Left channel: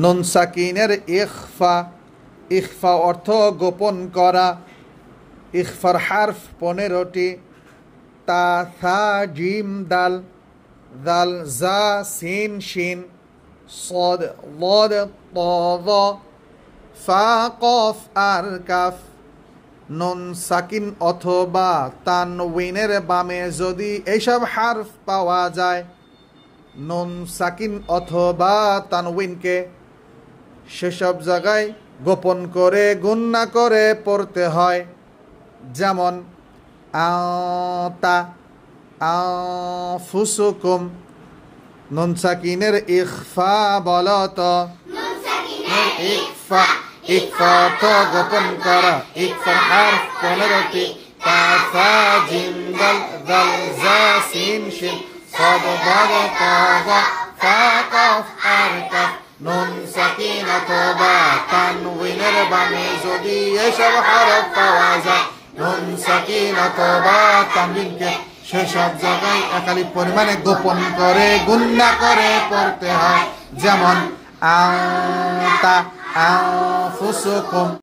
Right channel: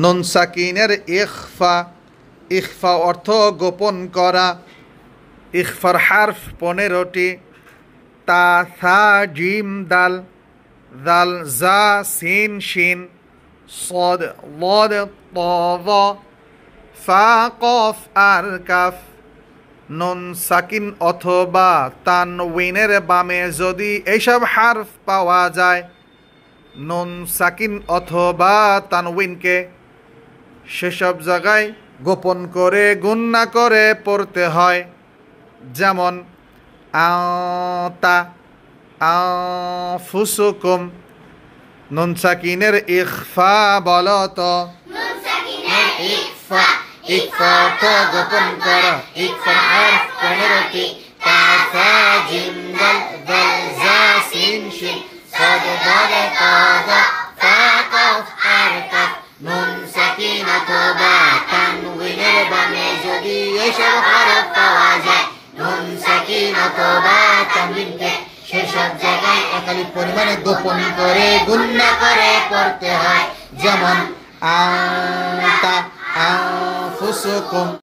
নুন সাকিনের ইখফা, ইখফা অর্থ গোপন করা। ইখফার হারফ 15টি। তা, থা, জিম, দাল, দাল, জা, সিন, শিন, صاد ضاد ط ফা, কফ আর কাফ। নুন সাকিন অথবা তানউইনের বামে যদি এইসব হারফ পাওয়া যায়, নুন সাকিন অথবা তানউইনকে সেসব জায়গায় গোপন করে গুন্না করে পড়তে হয়। যেমন আতা, আনফুসুকুম। নুন সাকিনের ইখফা বলো তো। ইখফা, ইখফা অর্থ গোপন করা। ইখফার হারফ 15টি। তা, থা, জিম, দাল, দাল, জা, সিন, শিন, صاد ضاد ط ফা, কফ আর কাফ। নুন সাকিন অথবা তানউইনের বামে যদি এসব হরফ পাওয়া যায়, নুন সাকিন অথবা তানউইনকে সেসব জায়গায় একালিক পরিমাণে গোপন করে গুন্না করে পড়তে হয়। যেমন আতা, আনফুসুকুম।